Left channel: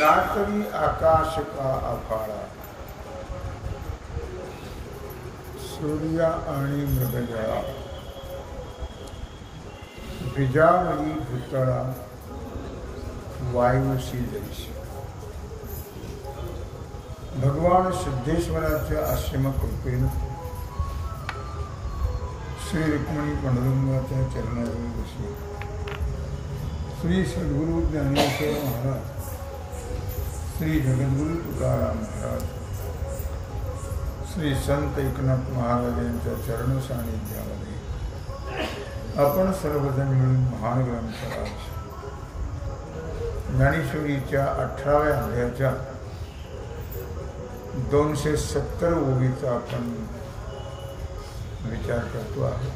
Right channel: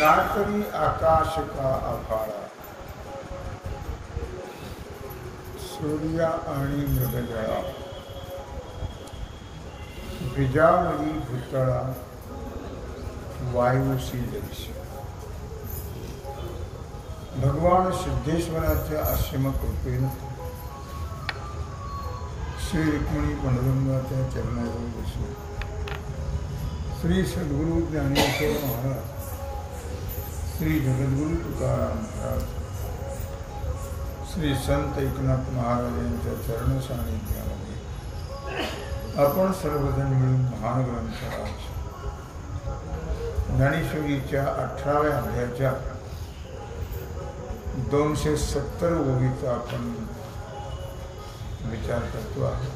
नातरी आकाश का आभाळा, सूर्य आणि मृगजळा, बिजावरी भूतळा, वायुसी जैसी. भगवान सिद्धेश्वराच्या असीम कृपेनं श्री रुक्मिणी पांडुरंगाच्या चरणावर बसून श्री सद्गुरु ज्ञानेश्वर महाराज, श्री जगद्गुरु तुकाराम महाराज, श्री संत एकनाथ महाराज यांच्या चरण सानिध्यामध्ये आपण सर्वजण मिळून महान ग्रंथराज ज्ञानेश्वरीच्या 18व्या अध्यायाच्या 270 ओवीचा आपण विचार करतो आहोत.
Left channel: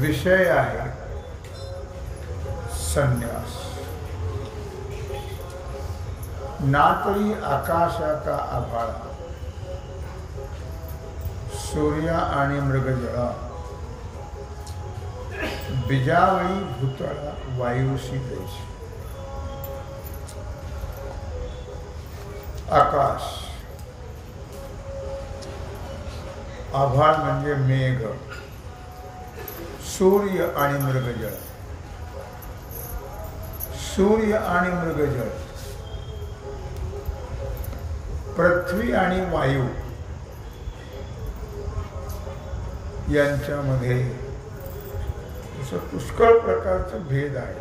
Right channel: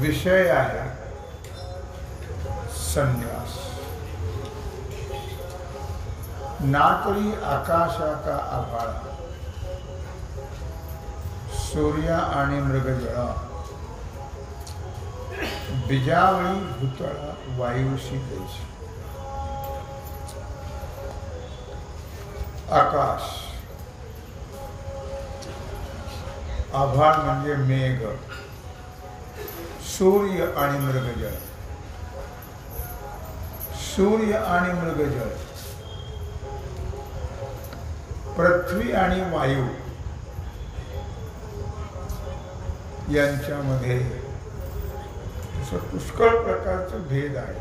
विषय आहे संन्यास. नातरी आकाशा का आभाळा, सूर्य आणि मृगजळा, बिजावळी भूतळा, वायुसी जैसी. आकाश, आभाळ म्हणजे मेघ, सूर्य आणि मृगजळ. सूर्य आणि मृगजळ, पृथ्वी आणि वायू यांच्यामध्ये पुष्कळ प्रकारचं भेद आहे.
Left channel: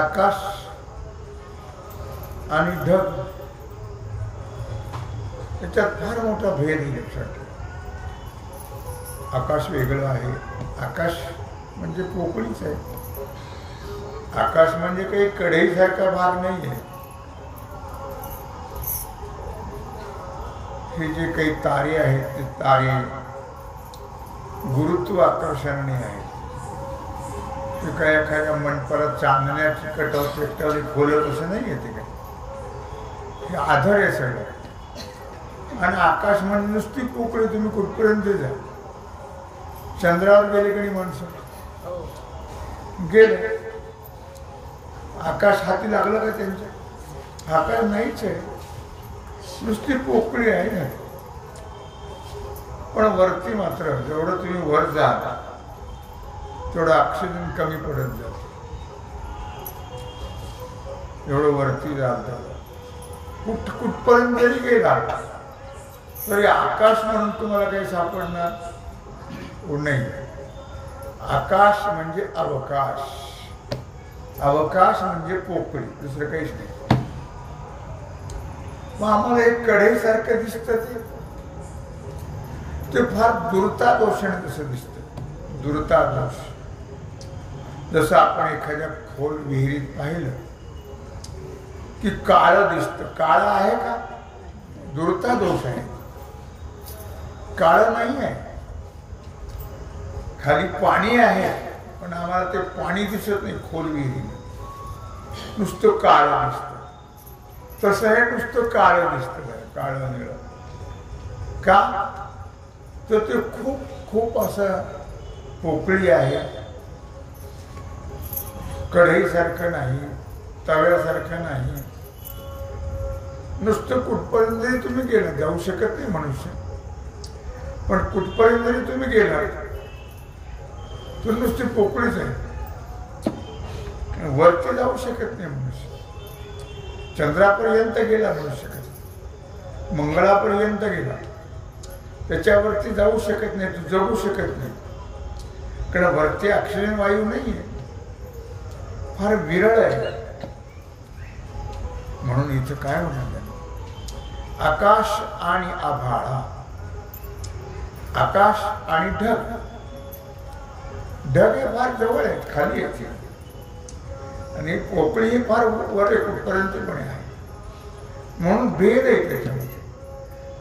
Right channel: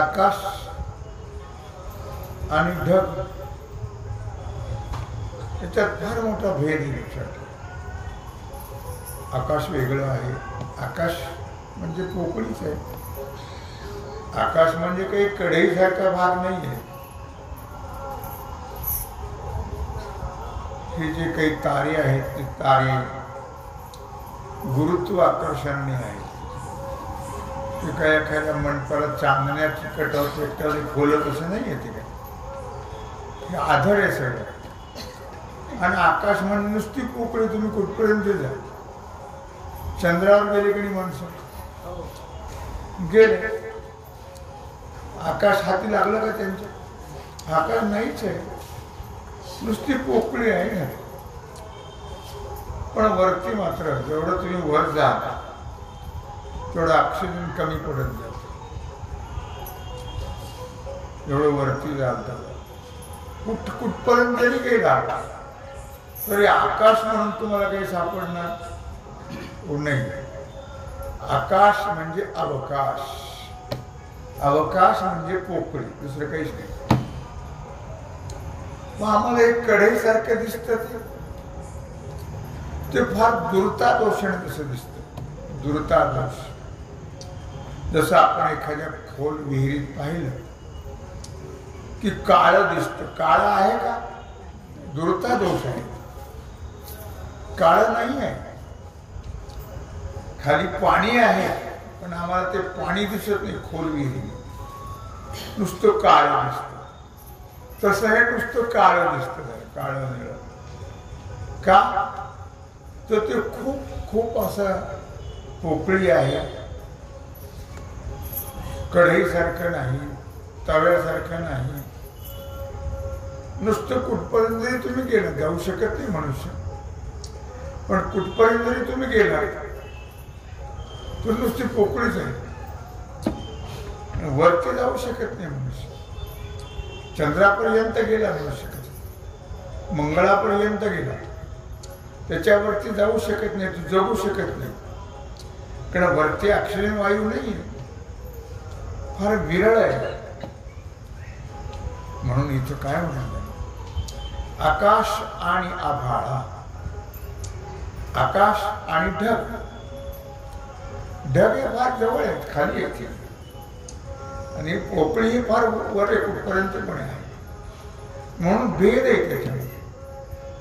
आकाश आणि ढग याच्यात फार मोठा भेद आहे. लक्षात ठेवा, आकाश वेगळं आहे. आकाश म्हणजे पोकळीच आहे. आकाश म्हणजे काही कढईसारखा भाग नाही आहे. हे जे काही तारे आहेत ते तारे गुरुत्वाकर्षणाने आहेत. ते काय एखाद्या मंडपाला चांदण्या चिकटवते खोलत असं नाही येते काय. हे आधार आहे सगळं. आणि आकाश म्हणजे नुसती पोकळी. तुम्ही कुठपर्यंत जा. चंद्रावर गेले की नाही माणसं गेले. आकाश हाती लागलं का त्यांच्या? आकाश नाहीच आहे, नुसती पोकळी आहे ना. पण वरती मात्र जेवढं तुम्ही वर जाल तेवढं ऑक्सिजन कमी पडत जात. एवढं वरती जाल तेवढं कुठपर्यंत जरी गेला तरी आकाश म्हणून तुम्हाला काही सापडणार नाही. आकाश म्हणजे अवकाश. अवकाश म्हणजे पोकळी, दुसरं काहीच नाही. मग आम्हाला एक कढईसारखं दिसतं ते फार दुर्तादोषाने तसं दिसतं. दुर्तादोष. जसं आपण एखाद्या खोल विहिरीत पाहिलं की काळं दिसतं. काळं आहे का? दुर्तादोष आहे. काळं नाही आहे. खाली पाणी आहे पण आम्हाला ते पाणी दिसत नाही. खोल विहिरीने नुसतं काळं दिसतं. तसं हे नुसतं काळं दिसतं. काळं निळं का? तर ते खूप खूप असं पोकळी आहे. कढईसारखं नाही, तव्यासारखं नाही. नुसतं कुठपर्यंत जरी तुम्ही गेला, जाऊ शकत नाही मनुष्य, पण कुठपर्यंत जरी तुम्ही गेला तर नुसती पोकळीच आहे. वरती जाऊ शकत नाही मनुष्य. चंद्रापर्यंत गेला मनुष्य कधी, मंगळापर्यंत गेला, त्याच्यावरती जाऊ शकत नाही. तू जगू शकत नाही. कारण वरती ऑक्सिजन वायू नाही आहे, फार विरळ आहे. म्हणून इथं काय म्हणाल, आकाश आणि आभाळा. आकाश आणि ढग. ढग हे फार जवळ आहेत, खाली येते. आणि पोकळी ही फार वर कुठपर्यंतपणे आहे. म्हणून भेद आहे त्याच्यामध्ये.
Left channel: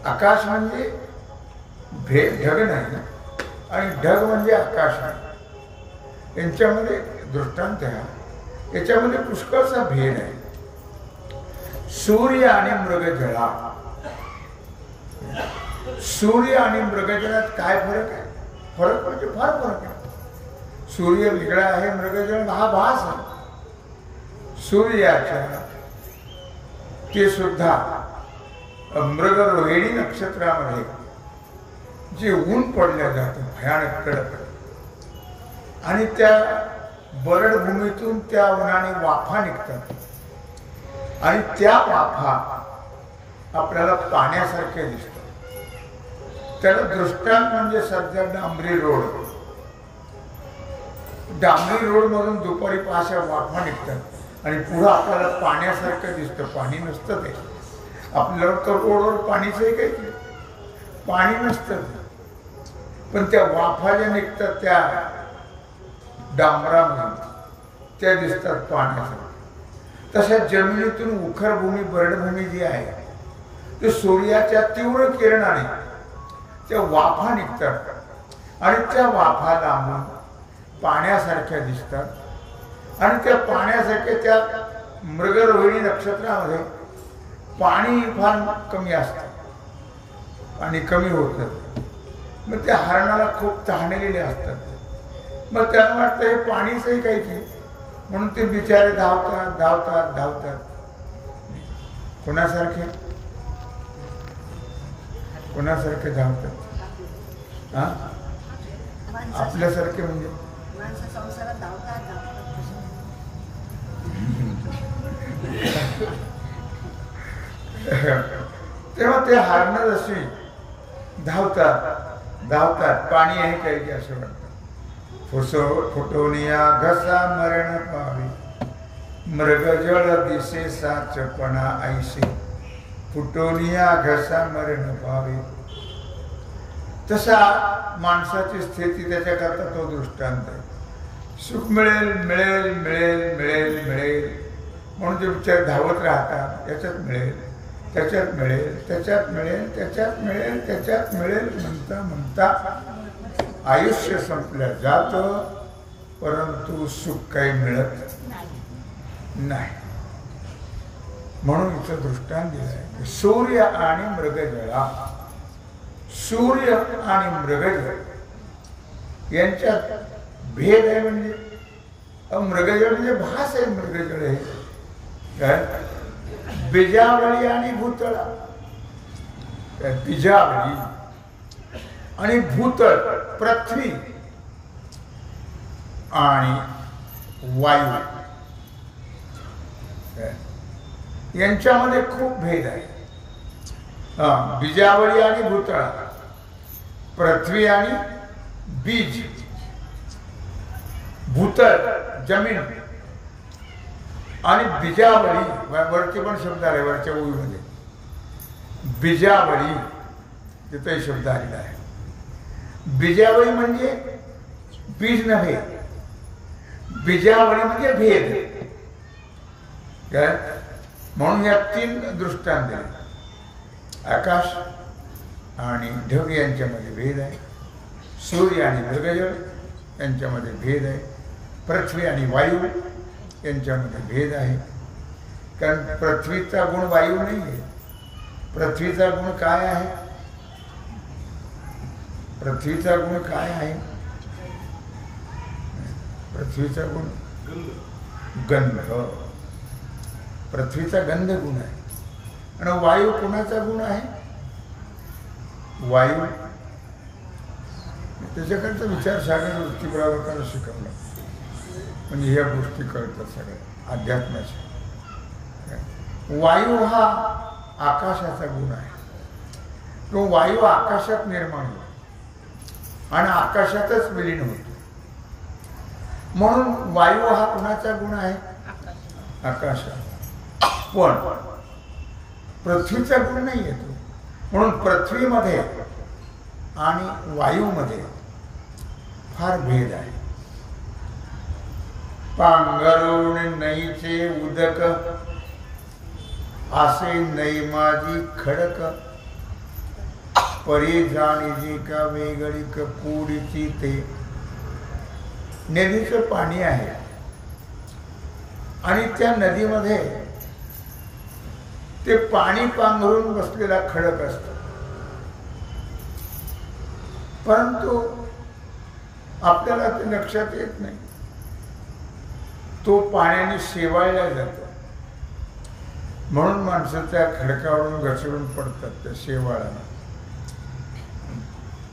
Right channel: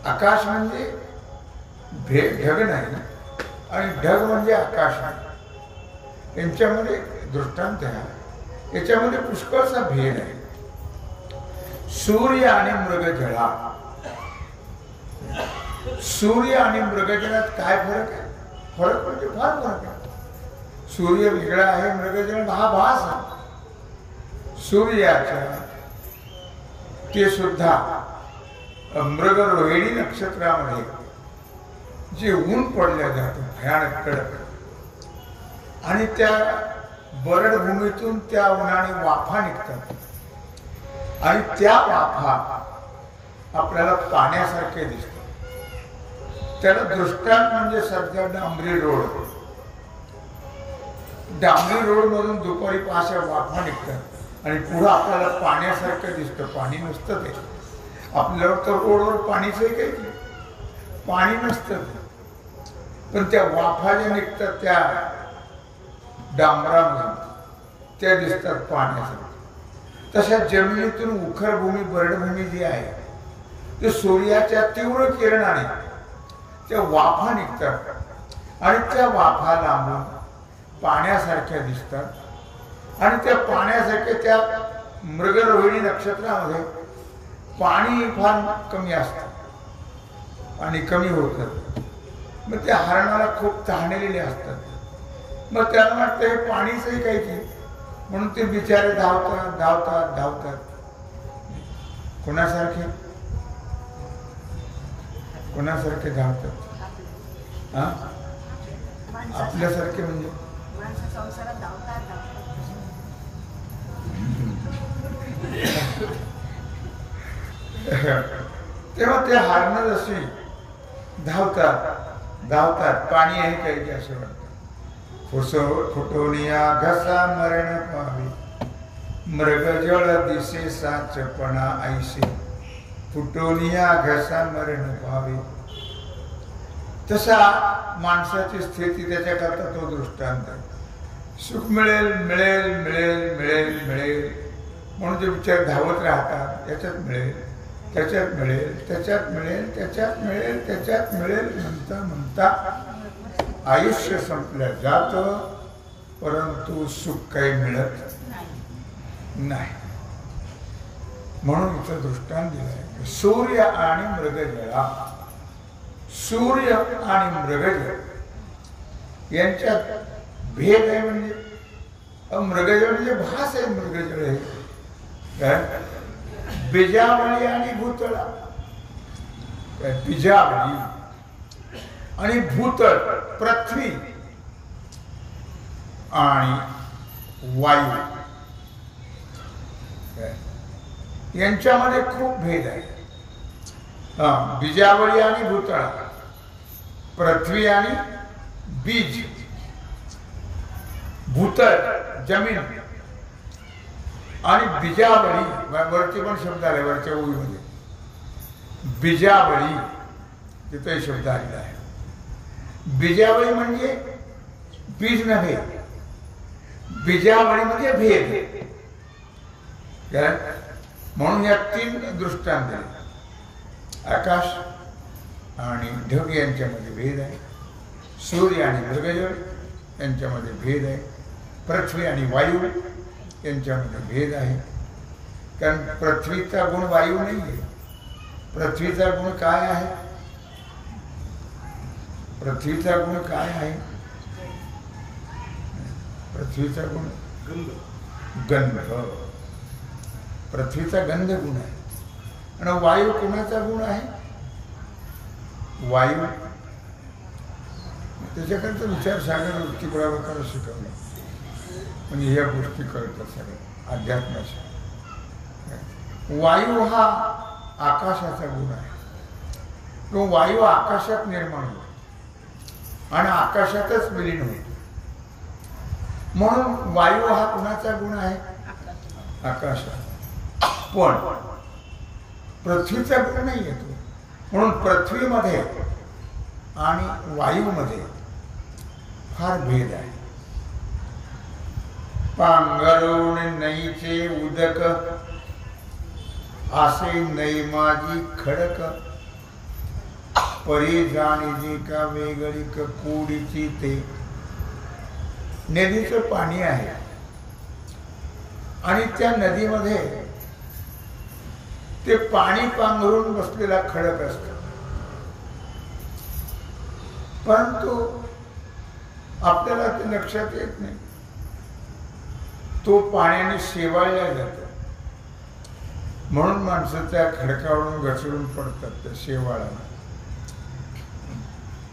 आकाश म्हणजे ढग नाही आणि ढग म्हणजे आकाश नाही. यांच्यामध्ये दृष्टांत आहे. याच्यामध्ये पुष्कळचा भेद आहे. सूर्य आणि मृगजळा. सूर्य आणि मृगजळात काय फरक आहे? फरक म्हणजे फार फरक आहे. सूर्य वेगळा आहे, मृगजळ हा भास आहे. सूर्याच्या ते सुद्धा मृगरोहिणी नक्षत्रामध्ये जे ऊन पडल्या जातं भयानक कडक, आणि त्या बरडभूमीतून त्या उन्हाने वाफा निघतात, आणि त्या वाफा आपल्याला पाण्यासारखे दिसतात. त्याला दृष्टांत म्हणजे सध्या डांबरी रोड मधून दुपारी अशा वाफा निघतात आणि पुढं आपल्याला पाण्यासारखं दिसतं. पाणी नसतं ते आपल्याला, तर रोडवर पाणीचंही काही पाणी नसतं, पण त्या वाफा ज्या निघतात त्या डांबरामधून त्या दिसतात पाण्यासारखं. तशा जमिनीतून उखरभूमी बरडभूमी जी आहे ते सूर्याच्या तीव्र किरणाने त्या वाफा निघतात आणि त्या वाफा लांबून पाण्यासारख्या दिसतात, आणि त्या पाण्यासारख्या त्या मृगरोहिणी नक्षत्रामध्ये पाणी फार कमी असतं आणि कमी होतं. मग त्या हरणाला खूप तहानलेले असतात. मग त्यांना वाटतं हे पाणीचंही काही की, म्हणून ते बिचारे धावतात धावतात धावतात. कोणासारखे कोणासारखे धावतात? हा, आपल्यासारखे म्हणजे तेव्हा ते हरणं जशी धावतात धावतात, पाणी आहे काही की असं वाटतं. फुटोनिया घसा मरण पावे, मृगजळ दिसे साचपणा ऐसे. फुटोनिया घसा मरण पावे, तसा माणसाची स्थिती, त्याच्याकरता तो दृष्टांत आहे. सुख मिळेल मिळेल मिळेल मिळेल मिळेल म्हणून जे विचार धावत राहतात, याच्यात मिळेल त्याच्यात मिळेल त्याच्यात मिळेल त्याच्यात मिळेल त्याच्यात मिळेल म्हणता म्हणता आयुष्य संपलं जातं, परंतु सुख काही मिळत नाही. म्हणून इथं दृष्टांत दिलंय की सूर्य आणि मृगजळा, सूर्य आणि मृगजळ यांच्यात भेद आहे. म्हणजे मृगजळ म्हणजे भास आहे, मृगजळ आहे काय, बीजावळी आणि भूतळा. बीजावळी आणि भूतळ, पृथ्वी आणि वायू यांच्यामध्ये खूप भेद आहे. बीजावळी आणि भूतळा, पृथ्वी आणि बीज, भूतळ जमीन, आणि बीजावळी वरती पण शब्द आले, वरच्या ओळीमध्ये बीजावळी तिथे शब्द आलेला आहे. बीजावळी म्हणजे बीज नव्हे, बीजावळी म्हणजे भेद. म्हणून या तीन दृष्टांत दिले. आकाश आणि ढग यांच्यामध्ये भेद आहे, सूर्य आणि मृगजळ यांच्यामध्ये भेद आहे, पृथ्वी आणि वायू यांच्यामध्ये भेद आहे. कारण पृथ्वीचा गुण वायू नाही आहे. पृथ्वीचा गुण काय आहे? पृथ्वीचा गुण काय आहे? पृथ्वीचा गुण गंध. पृथ्वीचा गंध गुण आहे. आणि वायू कोणाचा गुण आहे? वायू. त्याच्याकरता विचारसागर वृत्ती प्रभाकर शिकवलं, म्हणजे या गोष्टी कळतात सगळ्या अध्यात्माच्या. वायू हा आकाशाचा गुण आहे. तो वायू आकाशात निर्माण होतो आणि आकाशातच विलीन होतो. म्हणून वायू हा कुणाचा गुण आहे? आकाशात. पण पृथ्वीचा गुण नाही येतो. म्हणून पृथ्वीमध्ये आणि वायूमध्ये फार भेद आहे. पांघरुण नईचे उदक, आसे नई माझी खडक, परी जाणीची का वेगळी कूडीची ते. नदीचं पाणी आहे आणि त्या नदीमध्ये ते पाणी पांघरून बसलेला खडक असतो. परंतु आपल्याला ते लक्षात येत नाही. तो पाण्याने शेवाळला जातो म्हणून माणसं त्या खडकावरून घसरून पडतात त्या शेवाळाला.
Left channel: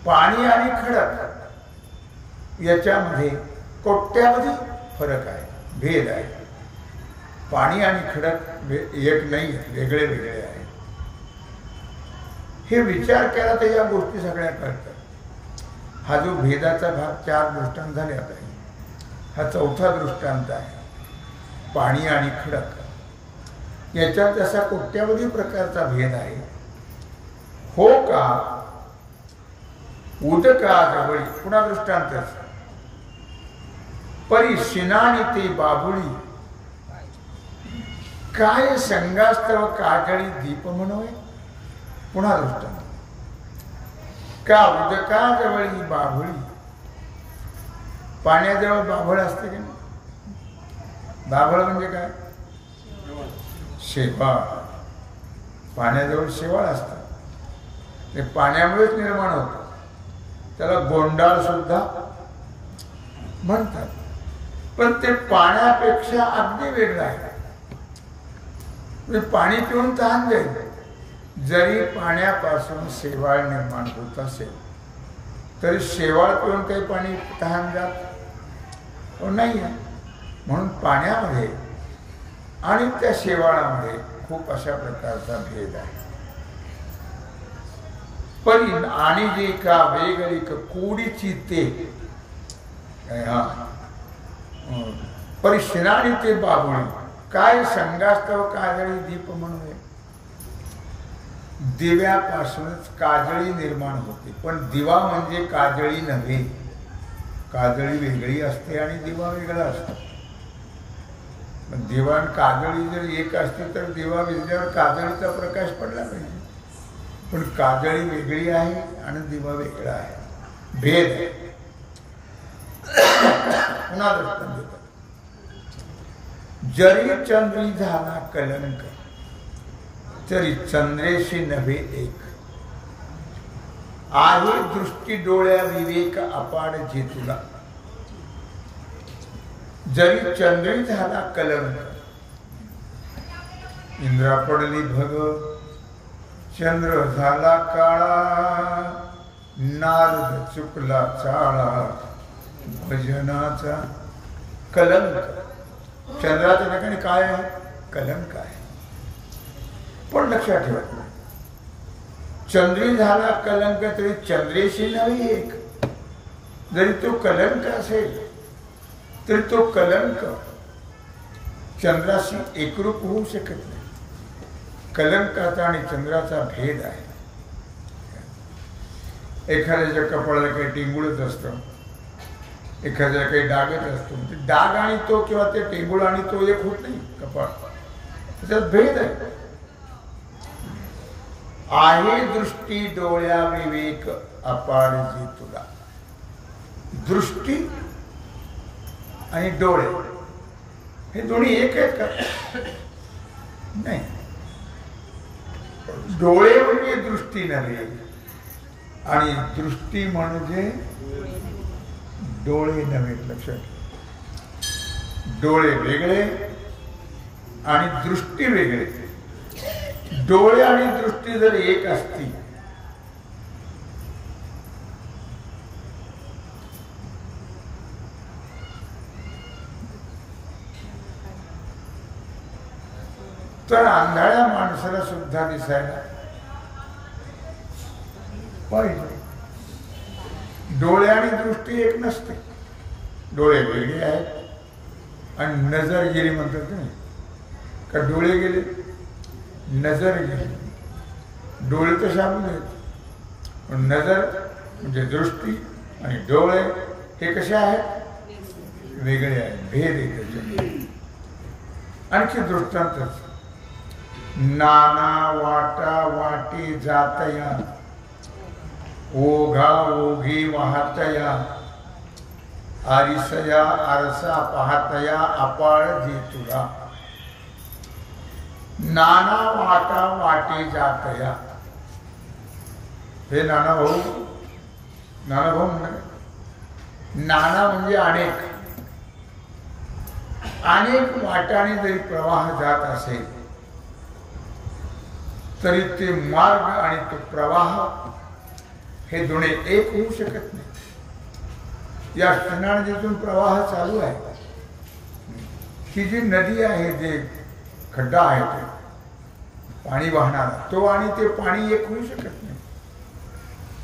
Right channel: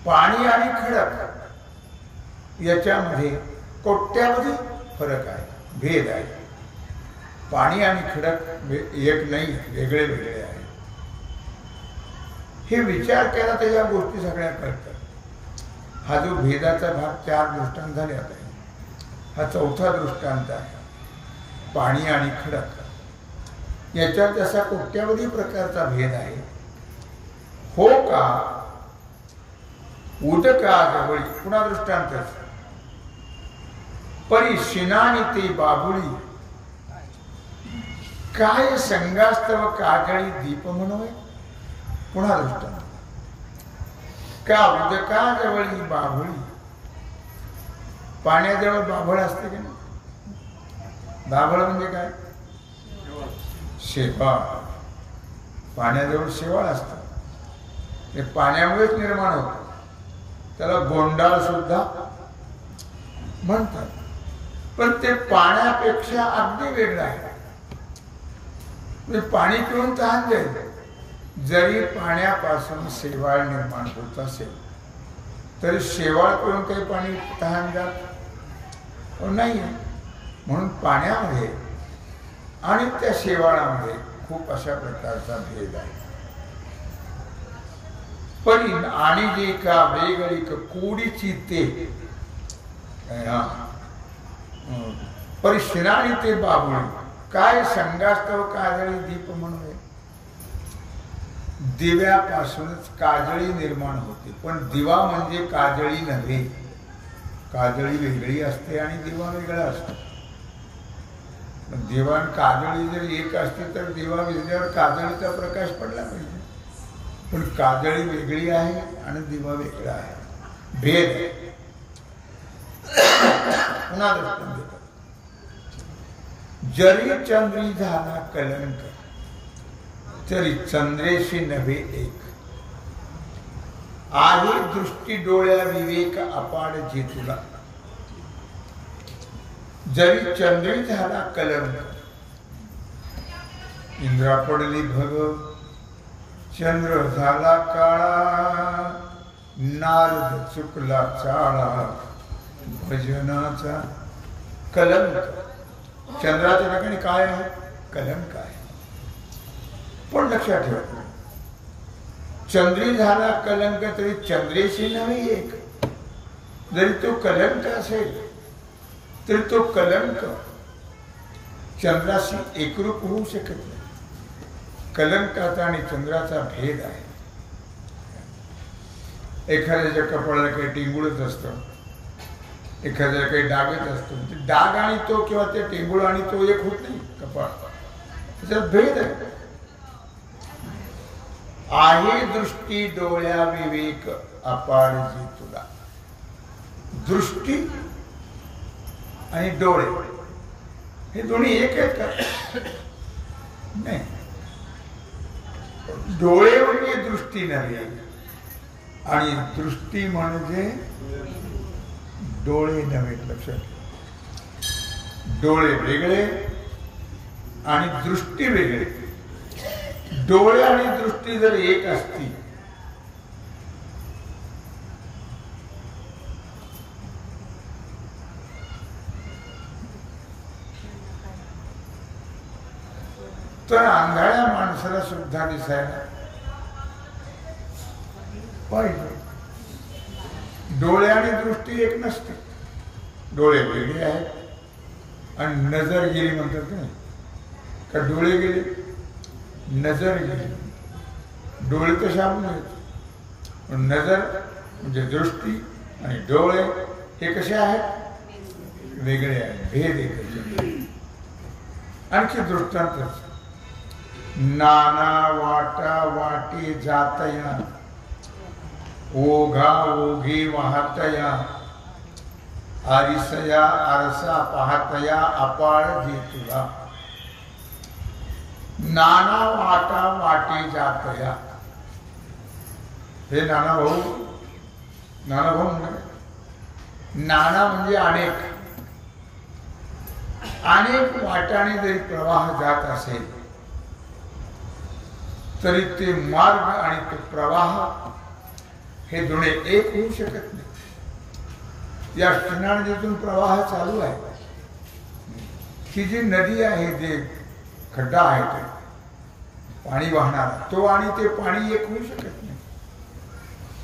पाणी आणि खडक याच्यामध्ये कोट्यावधी फरक आहे, भेद आहे. पाणी आणि खडक एक नाही, वेगळे वेगळे आहेत. हे विचार केला तर या गोष्टी सगळ्या कळतात. हा जो भेदाचा भाग 4 दृष्टांत झाले आता आहे, हा 4था दृष्टांत आहे. पाणी आणि खडक याच्यात असा कोट्यावधी प्रकारचा भेद आहे. हो का उदकाजवळी, पुन्हा दृष्टांतच, परी शिनानी ते बाबुळी, काय संगास्तव काजळी दीप म्हणोय. पुन्हा दृष्टांत, का उदकाजवळी बाभुळी. पाण्याजवळ बाभळ असते की नाही? बाभळ म्हणजे काय? शेवाळ. पाण्याजवळ शेवाळ असतं, ते पाण्यामुळेच निर्माण होतं. त्याला गोंडाळ सुद्धा म्हणतात. पण ते पाण्यापेक्षा अगदी वेगळं आहे. पाणी पिऊन तहान जाईल. जरी पाण्यापासून शेवाळ निर्माण होत असेल तरी शेवाळ पिऊन काही पाणी तहान जात नाही आहे. म्हणून पाण्यामध्ये आणि त्या शेवाळामध्ये खूप अशा प्रकारचा भेद आहे. पण आणि जे का वेगळी कोडीची ते परिशिनाणी ते बाबुळी, काय संगास्तव काजळी दीप म्हणून. दिव्यापासूनच काजळी निर्माण होते. पण दिवा म्हणजे काजळी नव्हे. काजळी वेगळी असते आणि दिवा वेगळा असतो. दिवा आणि काजळी जर एक असते तर दिवा विजल्यावर काजळीचा प्रकाश पडला पाहिजे. पण काजळी वेगळी आहे आणि दिवा वेगळा आहे, भेद आहे. पुन्हा दृष्टांत देतात, जरी चंद्री झाला कलंक तरी चंद्रेशी नव्हे एक, आहे दृष्टी डोळ्या विवेक अपाड जे तुला. जरी चंद्री झाला कलंक, इंद्रा पडली भग, चंद्र झाला काळा, नारद चुकला चाळा, भजनाचा कलंक. चंद्राच्या ठिकाणी काय आहे? कलंक आहे. पण लक्षात ठेवा, चंद्री झाला कलंक तरी चंद्रेशी नव्हे एक. जरी तो कलंक असेल तरी तो कलंक चंद्राशी एकरूप होऊ शकत नाही. कलंकाचा आणि चंद्राचा भेद आहे. एखाद्याच्या कपाळाला काही टिंगुळच असतं, एखाद्याला काही डागच असतो. ते डाग आणि तो किंवा ते टिंगुळ आणि तो एक होत नाही. कपाळ, त्याच्यात भेद आहे. आहे दृष्टी डोळ्या विवेक अपार जी तुला. दृष्टी आणि डोळे हे दोन्ही एक आहेत का? नाही. डोळे म्हणजे दृष्टी नव्हे आणि दृष्टी म्हणजे डोळे नव्हे. लक्षात, डोळे वेगळे आणि दृष्टी वेगळे. डोळे आणि दृष्टी जर एक असती तर आंधळ्या माणसाला सुद्धा दिसायला पाहिजे. डोळे आणि दृष्टी एक नसते. डोळे वेगळे आहेत आणि नजर गेली म्हणतात नाही का? डोळे गेले, नजर गेली. डोळे तर शाबून आहेत, पण नजर म्हणजे दृष्टी आणि डोळे हे कसे आहेत? वेगळे आहेत, भेद आहे त्याच्यामध्ये. आणखी दृष्टांतच, नाना वाटा वाटे जातया, ओघा ओघी वाहतया, आरिसया आरसा पाहतया अपाळ जे तुला. नाना वाटा वाटे जातया. हे नाना भाऊ, नाना भाऊ म्हणलं काय? नाना म्हणजे अनेक अनेक वाटाने जरी प्रवाह जात असेल तरी ते मार्ग आणि तो प्रवाह हे दोन्ही एक होऊ शकत नाही। या कृष्णा नदीतून प्रवाह चालू आहे की जी नदी आहे, जे खड्डा आहे, तो पाणी वाहणारा तो आणि ते पाणी एक होऊ शकत नाही।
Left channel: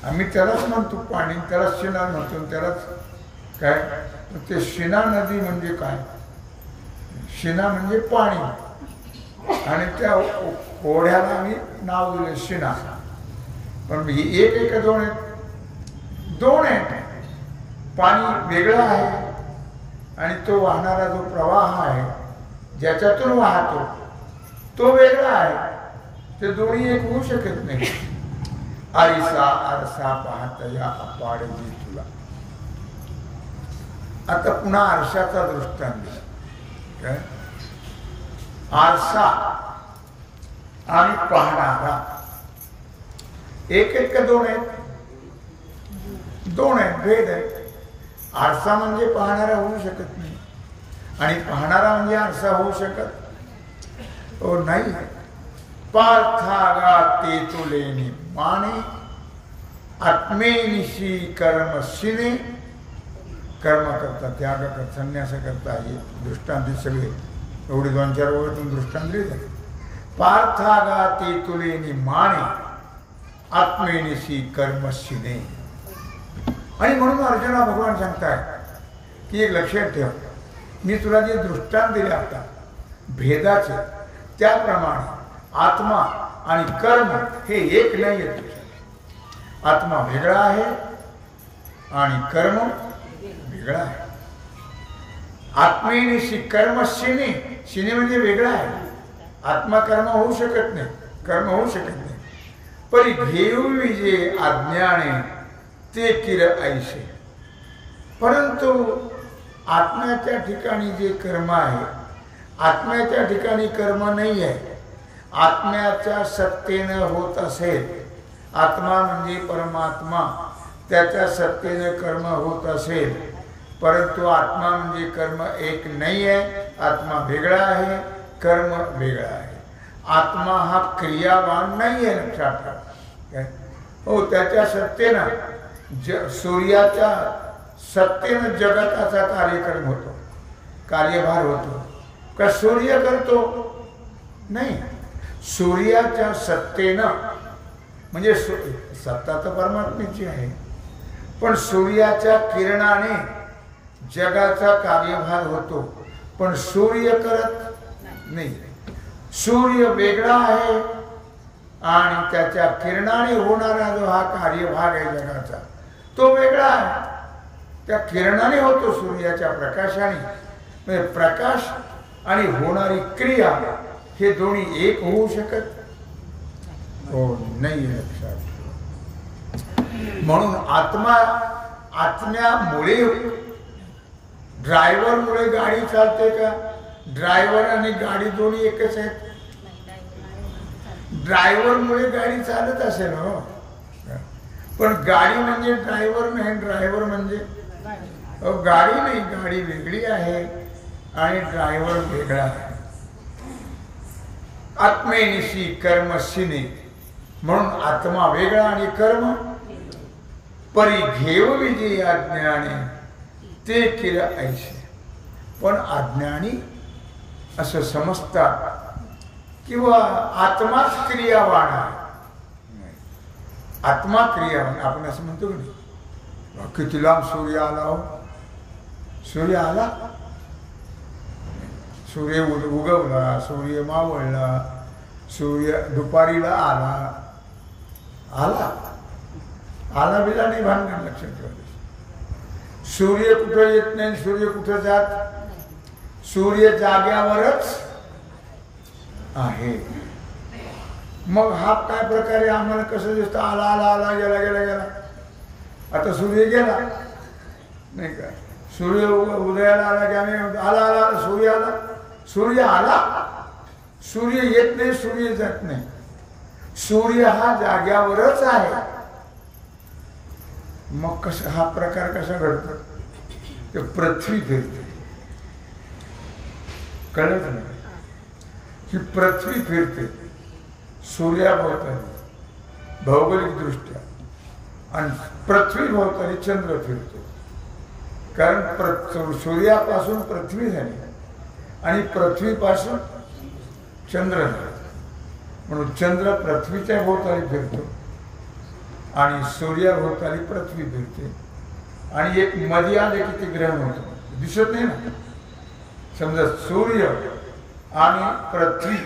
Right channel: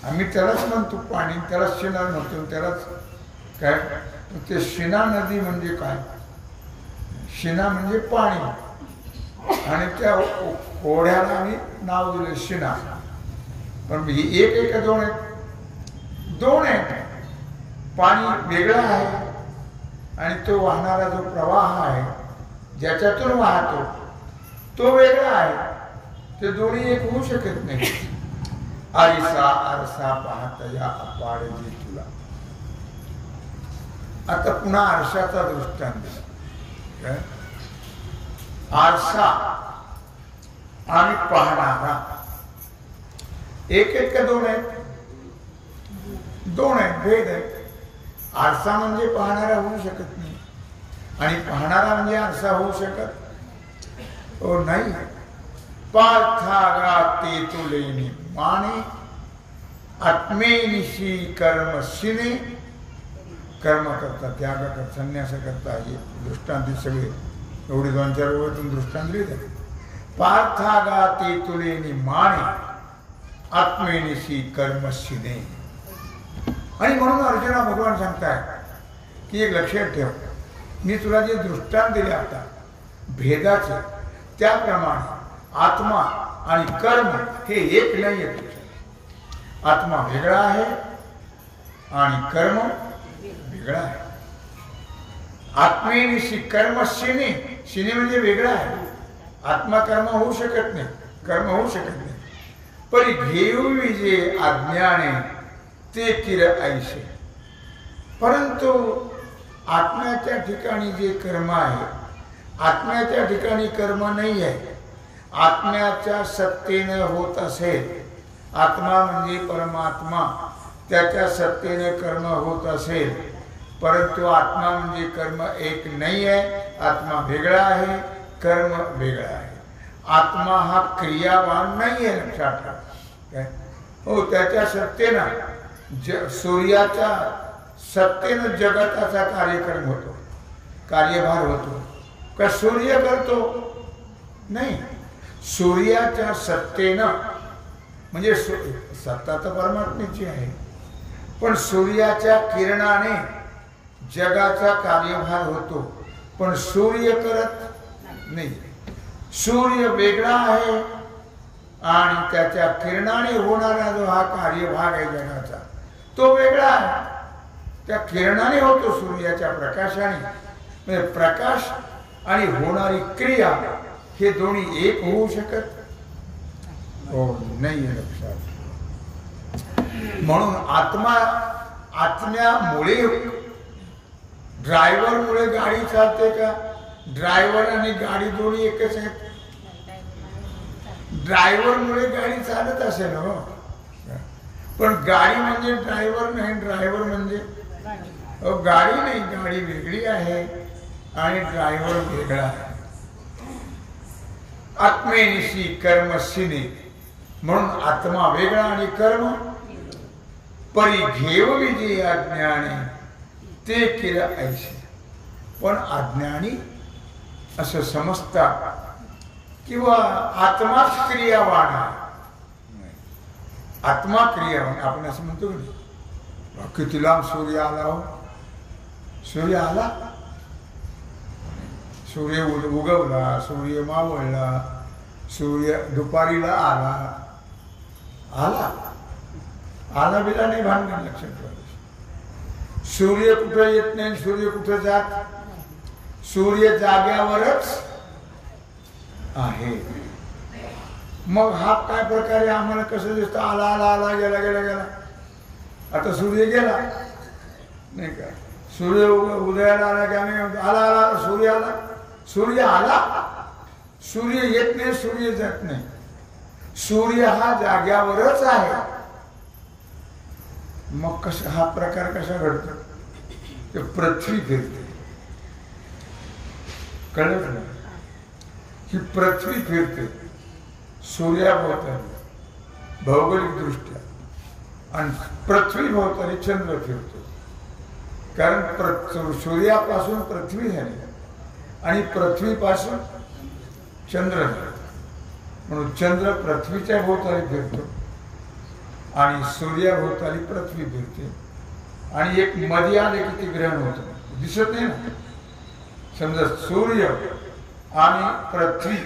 आम्ही त्यालाच म्हणतो पाणी, त्यालाच शिना म्हणतो, त्यालाच काय ते शिना नदी म्हणजे काय? शिना म्हणजे पाणी आणि त्या ओढ्याला आम्ही नाव दिलं शिना। पण एक एक दोन आहेत, दोन आहेत। पाणी वेगळं आहे आणि तो वाहणारा जो प्रवाह आहे ज्याच्यातून वाहतो तो वेगळा आहे। ते दोन्ही एक होऊ शकत नाही। आरसा आरसा पाहतया अपाड जी तुला। आता पुन्हा आरशाचा दृष्टांत दिला। काय? आरसा आणि पाहणारा एक आहेत का दोन आहेत? दोन आहेत, भेद आहे। आरसा म्हणजे पाहणारा होऊ शकत नाही आणि पाहणारा म्हणजे आरसा होऊ शकत नाही। पार्थागा ते तुलेनी माने आत्मेनिशी कर्मशिने। कर्म करता, त्याग करता, संन्यास करता, हे दृष्टांत सगळे एवढे 2-4 वेळेतून दृष्टांत दिले। पार्थागा ते तुलेनी माने आत्मेनिशी कर्मशिने। आणि म्हणून अर्जुना भगवान सांगतायत की एक लक्षात ठेव, मी तुला जे दृष्टांत दिले आता भेदाचे, त्याप्रमाणे आत्मा आणि कर्म हे एक नाही आहे तुझ्या। आत्मा वेगळा आहे आणि कर्म वेगळा आहे। आत्मेनिशी कर्मशिने, शिने म्हणजे वेगळा आहे। आत्मा कर्म होऊ शकत नाही, कर्म होऊ शकत नाही। परी घेऊ विजे अज्ञाने ते किर ऐसे। परंतु आत्म्याच्या ठिकाणी जे कर्म आहे, आत्म्याच्या ठिकाणी कर्म नाही आहे। आत्म्याच्या सत्तेने होत असेल, आत्मा म्हणजे परमात्मा, त्याच्या सत्तेने कर्म होत असेल, परंतु आत्मा म्हणजे कर्म एक नाही आहे। आत्मा वेगळा आहे, कर्म वेगळा आहे। आत्मा हा क्रियावान नाही आहे, लक्षात ठेवा। हो, त्याच्या सत्तेनं सूर्याच्या सत्तेनं जगताचा कार्यक्रम होतो, कार्यभार होतो। का सूर्य करतो? नाही, सूर्याच्या सत्तेनं म्हणजे सत्ता तर परमात्म्याची आहे, पण सूर्याच्या किरणाने जगाचा कार्यभार होतो, पण सूर्य करत नाही। सूर्य वेगळा आहे आणि त्याच्या किरणाने होणारा जो हा कार्यभाग आहे जगाचा, तो वेगळा आहे। त्या किरणाने होतो, सूर्याच्या प्रकाशाने। म्हणजे प्रकाश आणि होणारी क्रिया हे दोन्ही एक होऊ शकत हो नाही, लक्षात ठेवा। म्हणून आत्म्यामुळे, ड्रायव्हरमुळे गाडी चालते का? ड्रायव्हर आणि गाडी दोन्ही एकच आहेत। ड्रायव्हरमुळे गाडी चालत असेल हो, पण गाडी म्हणजे ड्रायव्हर नाही, ड्रायव्हर म्हणजे गाडी नाही। गाडी वेगळी आहे आणि ड्रायव्हर वेगळा आहे। आत्मेनिशी कर्मशिने, म्हणून आत्मा वेगळा आणि कर्म। परी घेव विजे अज्ञाने ते किर ऐसे। पण अज्ञानी असं समजतात किंवा आत्माच क्रियावान आहे। आत्मा क्रियावान, आपण असं म्हणतो की नाही, किती लांब सूर्य आला हो, सूर्य आला, सूर्य उगवला, सूर्य मावळला, सूर्य दुपारीला आला, आला आला बिला नाही भानगड, लक्षात ठेवा। सूर्य कुठं येत नाही, सूर्य कुठं जात, सूर्य जाग्यावरच आहे। मग हा काय प्रकारे आम्हाला कसं दिसतं? आला आला आला, गेला गेला गेला। आता सूर्य गेला नाही का? सूर्य उदयाला आला की आम्ही आला आला, सूर्य आला, सूर्य आला। सूर्य येत नाही, सूर्य जात नाही, सूर्य हा जाग्यावरच आहे। मग कसा हा प्रकार कसा घडतो? ते पृथ्वी फिरते. कळत ना ही पृथ्वी फिरते सूर्याभोवताली भौगोलिक दृष्ट्या, आणि पृथ्वी भोवताली चंद्र फिरतो. कारण सूर्यापासून पृथ्वी झाली आणि पृथ्वीपासून चंद्र झाला, म्हणून चंद्र पृथ्वीच्या भोवताली फिरतो आणि सूर्याभोवताली पृथ्वी फिरते. आणि एक मध्ये आले की ते ग्रहण होतं, दिसत नाही ना. समजा सूर्य आणि पृथ्वी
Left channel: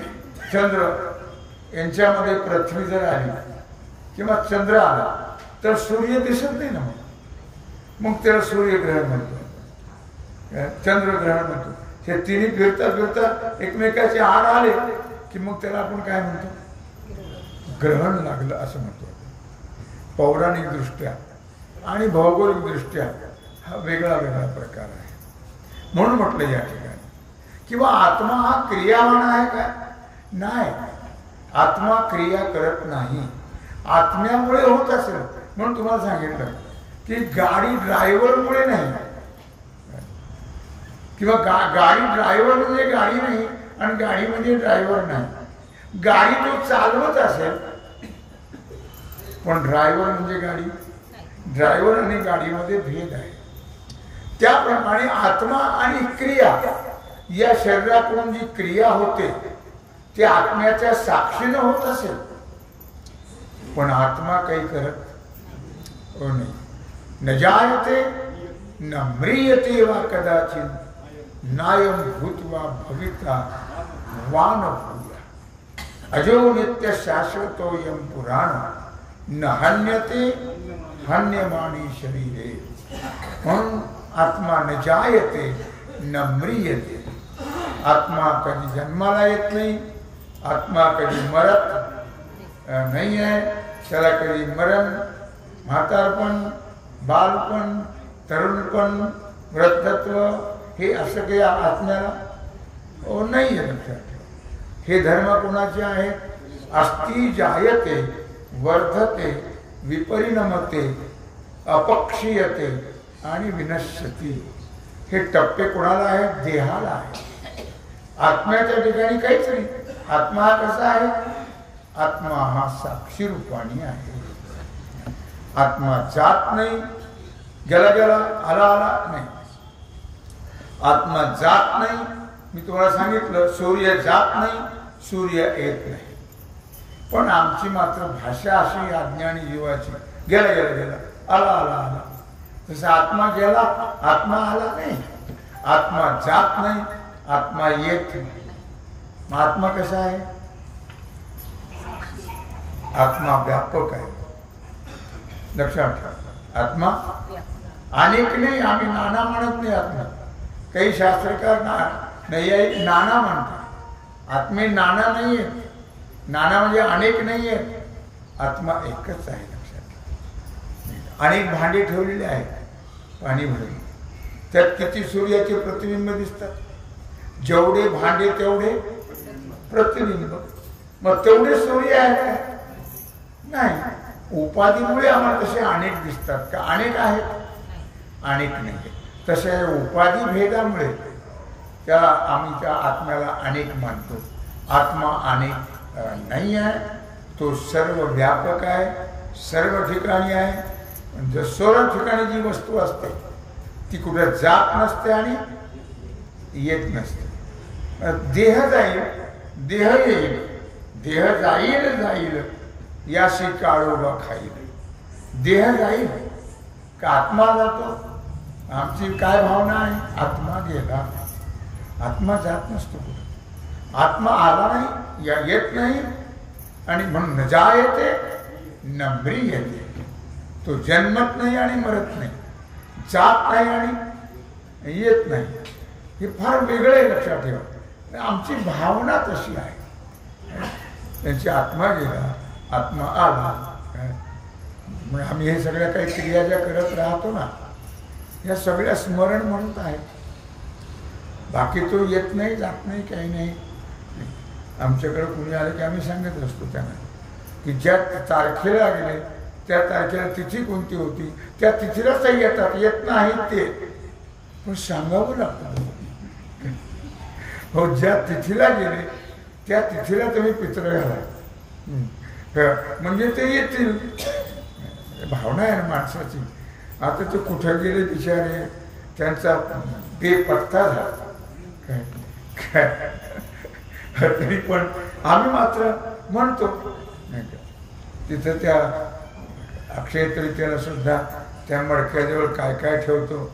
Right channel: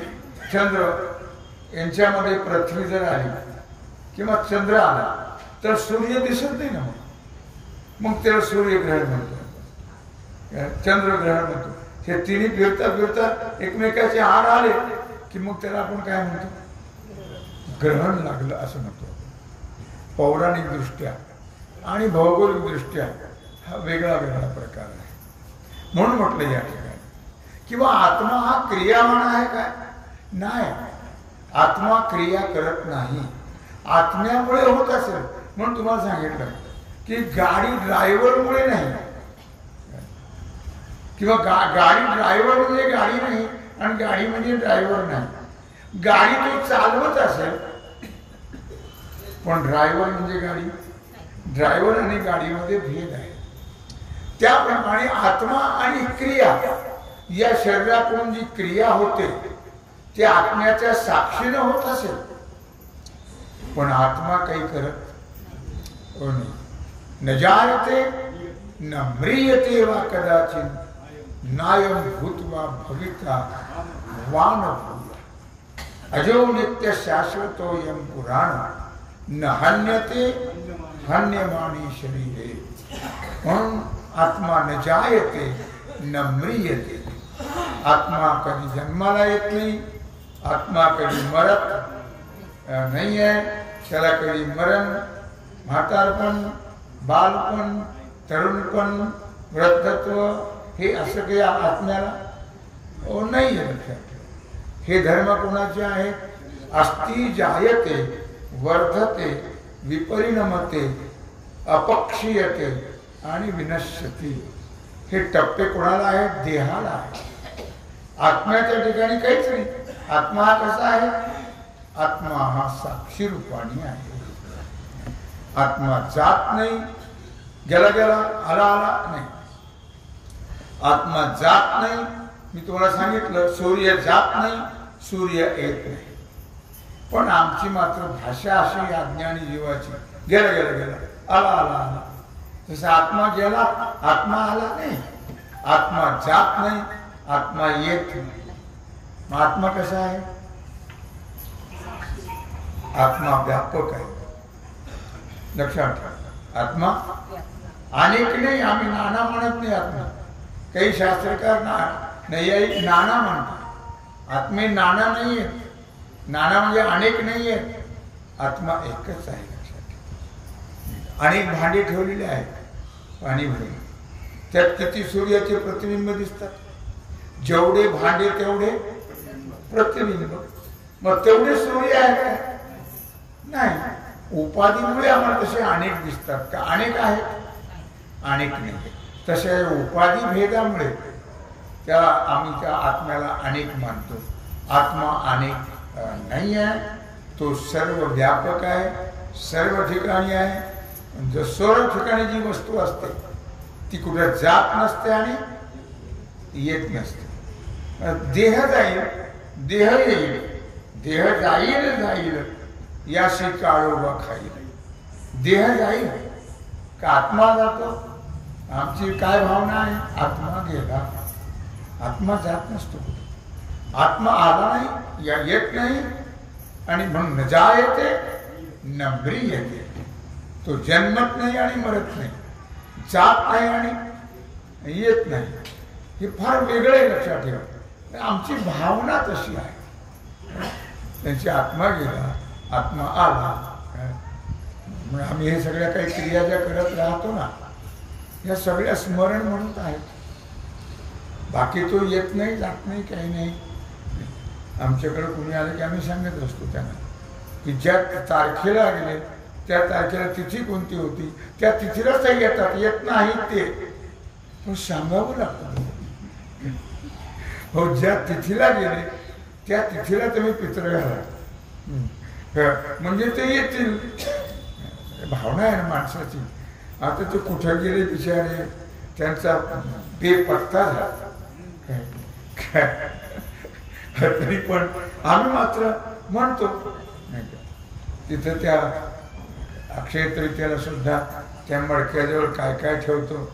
चंद्र यांच्यामध्ये पृथ्वी जर आली किंवा चंद्र आला तर सूर्य दिसत नाही ना. मग त्याला सूर्यग्रहण म्हणतो, चंद्रग्रहण म्हणतो. हे तिन्ही फिरता फिरता एकमेकाचे आड आले की मग त्याला आपण काय म्हणतो, ग्रहण लागलं असं म्हणतो. पौराणिक दृष्ट्या आणि भौगोलिक दृष्ट्या हा वेगळा वेगळा प्रकार आहे. म्हणून म्हटलं या ठिकाणी किंवा आत्मा हा क्रियावान आहे काय? नाही, आत्मा क्रिया करत नाही. आत्म्यामुळे होत असेल. म्हणून तुम्हाला सांगितलं की गाडी ड्रायव्हरमुळे नाही, किंवा गाडी ड्रायव्हर म्हणजे गाडी नाही आणि गाडी म्हणजे ड्रायव्हर नाही. गाडी तो चालवत असेल पण ड्रायव्हर म्हणजे गाडी. ड्रायव्हर आणि गाडीमध्ये भेद आहे. त्याप्रमाणे आत्मा आणि क्रिया, या शरीराकडून जी क्रिया होते ती आत्म्याच्या साक्षीने होत असेल पण आत्मा काही करत नाही. न जायते न म्रियते वा कदाचित नायम भूत्वा भविता वान भूया अजो नित्य शाश्वतोयम पुराण न हन्यते हन्यमानी शरीरे. म्हणून आत्मा न जायते न म्रियते. आत्मा कधी जन्माला येत नाही, आत्मा कधी मरत नाही आहे. त्याला कधी मरण, म्हातारपण, बालपण, तरुणपण, वृद्धत्व हे असं काही आत्म्याला नाही आहे. लक्षात ठेवा, हे धर्म कोणाचे आहेत? अस्ति जायते वर्धते विपरिणमते अपक्षीयते आणि विनश्यती. हे टप्पे कोणाला आहेत? देहाला आहे. आत्म्याच्या ठिकाणी काहीच नाही. आत्मा हा कसा आहे? आत्मा हा साक्षी रूपाने आहे. आत्मा जात नाही, गेला गेला, आला आला नाही. आत्मा जात नाही. मी तुम्हाला सांगितलं सूर्य जात नाही, सूर्य येत नाही. पण आमची मात्र भाषा अशी अज्ञानी जीवाची, गेला गेला गेला, आला आला आला. तसं आत्मा गेला, आत्मा आला नाही. आत्मा जात नाही, आत्मा येत नाही. मग आत्मा कसा आहे? आत्मा व्यापक आहे. लक्षात ठेवा, आत्मा अनेक नाही. आम्ही नाना म्हणत नाही आत्मा. काही शास्त्रकार नाही नाना म्हणतात. आत्मे नाना नाही आहेत. नाना म्हणजे अनेक नाही आहेत. आत्मा एकच आहे. लक्षात ठेवा. अनेक भांडे ठेवलेले आहेत पाणी भरून, त्यात किती सूर्याचे प्रतिबिंब दिसतात. जेवढे भांडे तेवढे प्रतिबिंब. मग तेवढे सूर्य आहेत का? नाही. उपाधीमुळे आम्हाला तसे अनेक दिसतात का? अनेक आहेत? अनेक नाही. तसे उपाधी भेदामुळे त्या आम्ही त्या आत्म्याला अनेक मानतो. आत्मा अनेक नाही आहे. तो सर्व व्यापक आहे, सर्व ठिकाणी आहे. म्हणजे सर्व ठिकाणी जी वस्तू असते ती कुठे जात नसते आणि येत नसते. देह जाईल, देह येईल, देह जाईल जाईल याशी काळोबा खाईल. देह जाईल का आत्मा जातो? आमची काय भावना आहे? आत्मा गेला. आत्मा जात नसतो कुठे. आत्मा आला नाही, या येत नाही. आणि म्हणून न जायते न म्रियते. तो जन्मत नाही आणि मरत नाही, जात नाही आणि येत नाही. हे फार वेगळे लक्षात ठेवा. आमची भावना तशी आहे. त्यांची आत्मा गेला, आत्मा आला. मग आम्ही हे सगळ्या काही क्रिया ज्या करत राहतो ना, या सगळ्या स्मरण म्हणून आहेत. बाकी तो येत नाही, जात नाही, काही नाही. आमच्याकडे कुणी आलं की आम्ही सांगत असतो त्यांना की ज्या तारखेला गेले त्या तारखेला तिथी कोणती होती, त्या तिथीला ते येतात. येत नाही ते पण सांगावं लागतं. हो, ज्या तिथीला गेले त्या तिथीला तुम्ही पित्र घाला, म्हणजे ते येतील. भावना आहे ना माणसाची. आता ते कुठं गेले बिचारे, त्यांचा बेपत्ता झाला काय काय. तरी पण आम्ही मात्र म्हणतो नाही का, तिथं त्या अक्षय तृतीयेला सुद्धा त्या मडक्याजवळ काय काय ठेवतो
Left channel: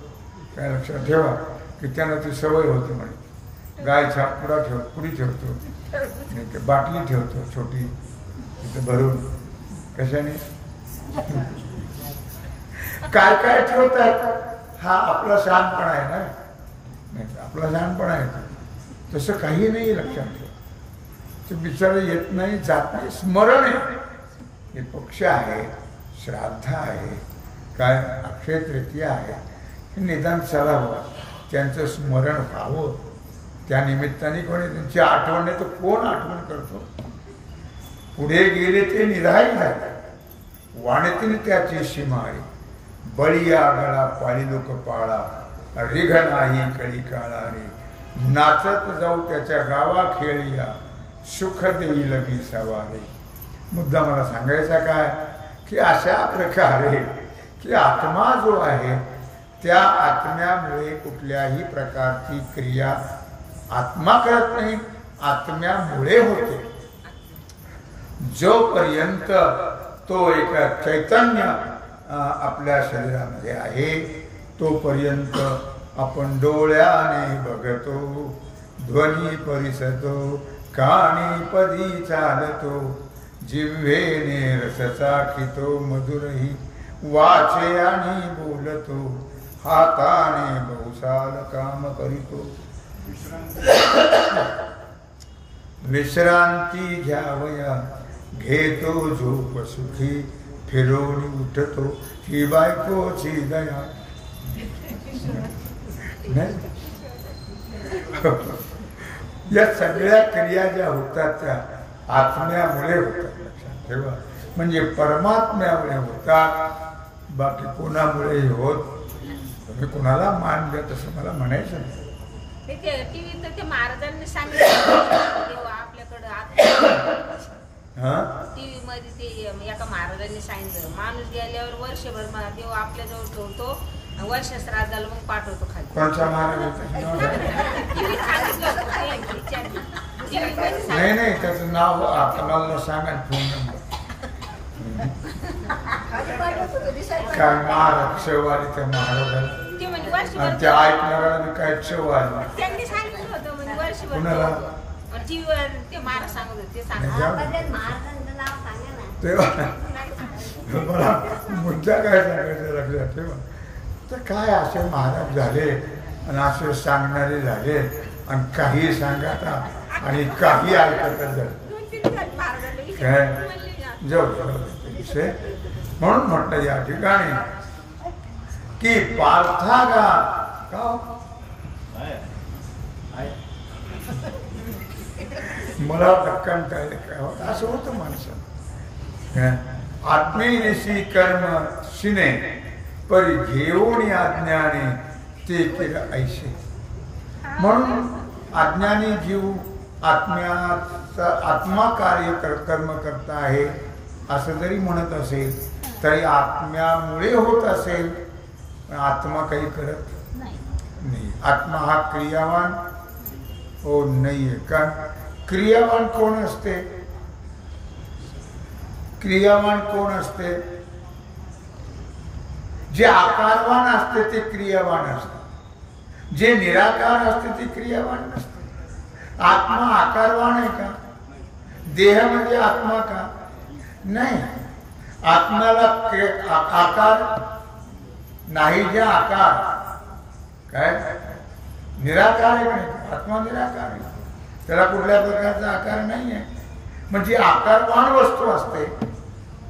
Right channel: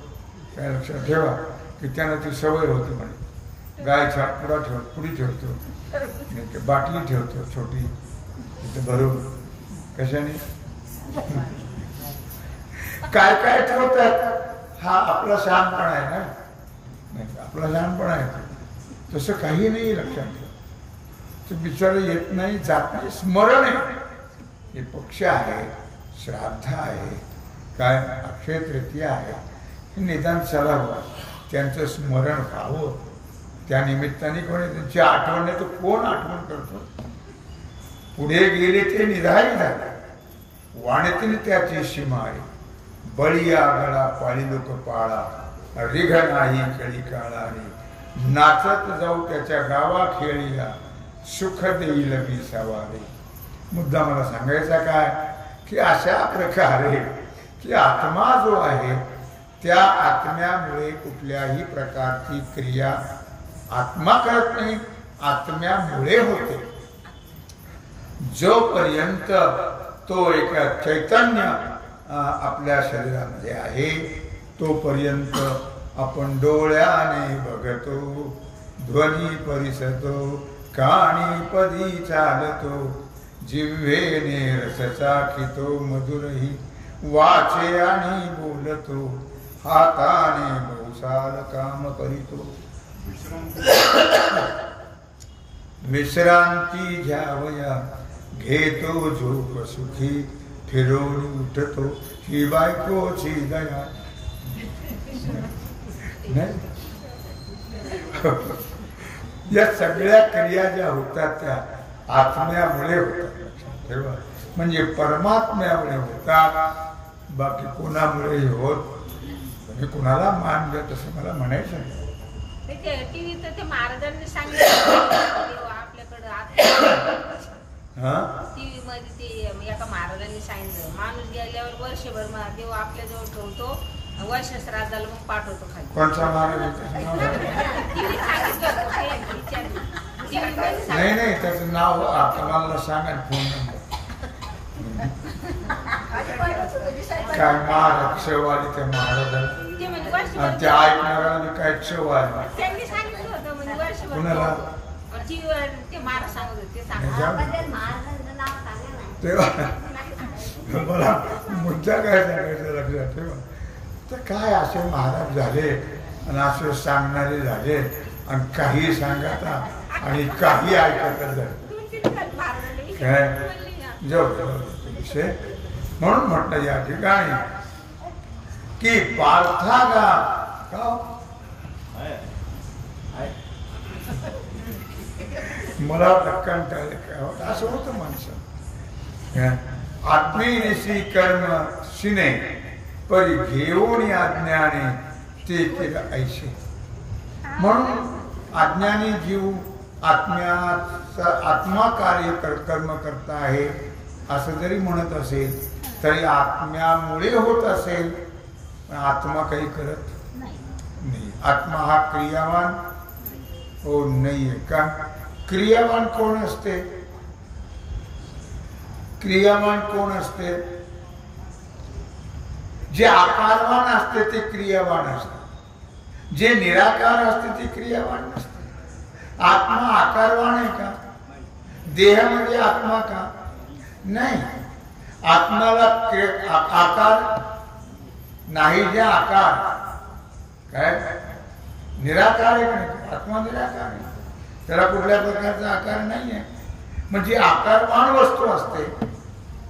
काय लक्षात ठेवा, की त्यांना ती सवय होती म्हणे. गायच्या पुडी ठेवतो, नाही का, बाटली ठेवतो छोटी तिथं भरून, कशाने काय काय ठेवतात. हा आपला शहाणपणा आहे ना, नाही आपला शहाणपणा आहे. तसं काही नाही लक्षात ठेवा. ते बिचारं येत नाही, जात नाही, स्मरण आहे. हे पक्ष आहे, श्राद्ध आहे, काय अक्षय तृतीया आहे, हे निदान चलावं, त्यांचं स्मरण व्हावं. त्या निमित्ताने कोणी त्यांची आठवण नाही तर कोण आठवण करतो. पुढे गेले ते निधाई झाले, वाणीतीने त्याची सीमाळी, बळीया गळा पाळी लोक पाळा, रिघ नाही कळी काळा रे, नाचत जाऊ त्याच्या गावा खेळिया, सुख देईल मी सवारे. मुद्दा मला सांगायचा काय, की अशा प्रकारे की आत्मा जो आहे त्या आत्म्यामुळे कुठल्याही प्रकारची क्रिया आत्मा करत नाही, आत्म्यामुळे होते. जोपर्यंत तो एक चैतन्य आपल्या शरीरामध्ये आहे तोपर्यंत आपण डोळ्याने बघतो, ध्वनी परिसतो, कानी पदी चालतो, जिव्हेने रस चाखितो, मधुरही वाचे आणि बोलतो, हाताने बहुसाल काम करीतो. विश्रांती घ्यावया घेतो झोप सुखी, फिरवणी उठतो ही बायकोची दया. नाही, या सगळ्या क्रिया ज्या होतात त्या आत्म्यामुळे होतात, लक्षात ठेवा. म्हणजे परमात्म्यामुळे होतात, बाकी कोणामुळे होत. तुम्ही कोणाला मान द्या तसं मला म्हणायचं नाही. ते महाराजांनी सांगितलं आपल्याकडं टीव्ही मध्ये ते एका महाराजांनी सांगितलं, माणूस गेल्यावर वर्षभर देव आपल्या जवळ ठेवतो, वर्ष श्राद्धाला मग पाठवतो खाली. कोणचा महाराज? नाही नाही, त्याचं नाव आपल्याला सांगा, फोन नंबर काय. महाराज क्षव आली त्या महाराजाला आणि त्या ऐकणाऱ्याला काय क्षव आली. त्यांनी सांगितलं होतं म्हणजे वर्षभर कुणाला ते महाराज सांगत होते. तेव्हा मला मुद्दा काय सांगायचं लक्षात ठेवा. तर काय असे महाराज झाले आणि असे सांगणारे झाले आणि काही सांगतात आणि काही ऐकतच झाले काय. जाऊ दे विषय. म्हणून म्हटलं या ठिकाणी की पार्थागा का मला कंटाळले काय होत असं होतं माणसं. आत्मीनिशी कर्म शिने परी घेऊन अज्ञाने ते केलं ऐसे. म्हणून अज्ञानी जीव आत्मा कार्य कर्म करता आहे असं जरी म्हणत असेल तरी आत्म्यामुळे होत असेल, पण आत्मा काही करत नाही. आत्मा हा क्रियावान हो नाहीये. का क्रियावान कोण असते? क्रियावान कोण असते? जे आकारवान असते ते क्रियावान असते, जे निराकार असते ते क्रियावान नसते. आत्मा आकारवान आहे का? देहामध्ये आत्मा का? नाही. आत्म्याला आकार नाही. जे आकार काय निराकार आहे का नाही? आत्मा निराकार आहे, त्याला कुठल्या प्रकारचा आकार नाही आहे. म्हणजे आकारवान वस्तू असते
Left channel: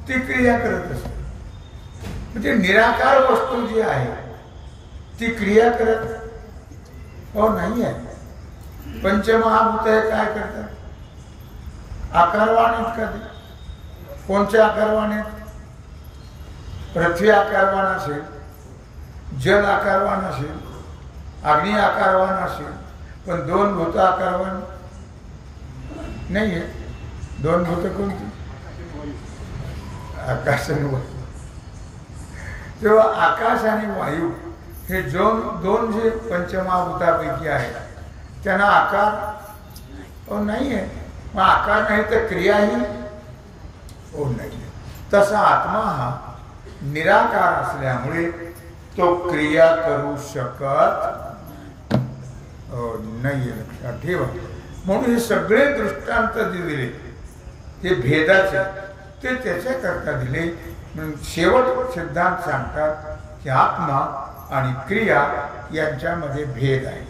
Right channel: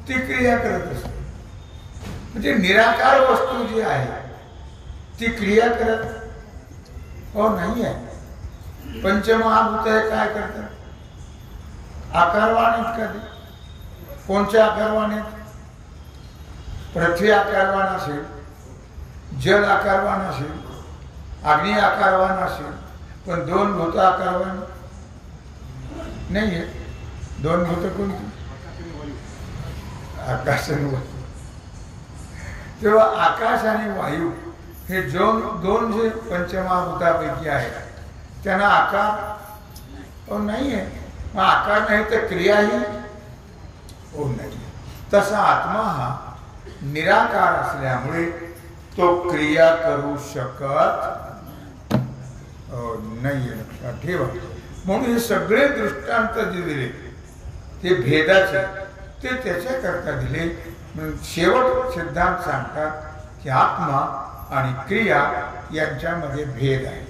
ती क्रिया करत असते. म्हणजे निराकार वस्तू जी आहे ती क्रिया करत हो नाही आहे. पंचमहाभूत आहे काय करतात? आकारवान आहेत का ते? कोणते आकारवान आहेत? पृथ्वी आकारवान असेल, जल आकारवान असेल, अग्नी आकारवान असेल पण 2 भूत आकारवान नाही आहे. 2 भूत कोणती? आकाश आणि वायू. तेव्हा आकाश आणि वायू हे दोन जे पंचमहाभूतापैकी आहेत त्यांना आकार नाही आहे. मग आकार नाही तर क्रियाही नाही आहे. तसा आत्मा हा निराकार असल्यामुळे तो क्रिया करू शकत नाहीये. लक्षात ठेवा. म्हणून हे सगळे दृष्टांत जे दिले ते भेदाचे ते त्याच्याकरता दिले. म्हणून शेवट सिद्धांत सांगतात की आत्मा आणि क्रिया यांच्यामध्ये भेद आहे.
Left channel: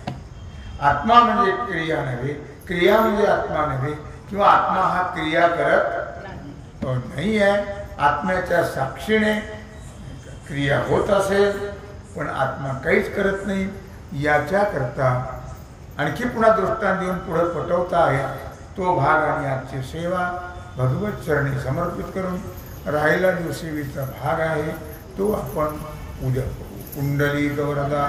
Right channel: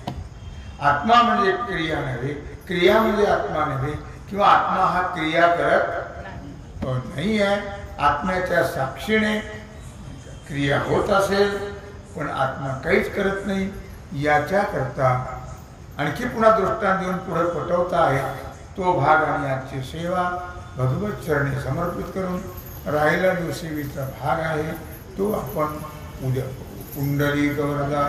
आत्मा म्हणजे क्रिया नव्हे, क्रिया म्हणजे आत्मा नव्हे, किंवा आत्मा हा क्रिया करत नाही आहे. आत्म्याच्या साक्षीने क्रिया होत असेल पण आत्मा काहीच करत नाही. याच्याकरता आणखी पुन्हा दृष्टांत देऊन पुढे पटवता आहे. तो भाग आणि आजची सेवा भगवत चरणी समर्पित करून राहिला जो सेवेचा भाग आहे तो आपण उद्या करू. कुंडली गवरदा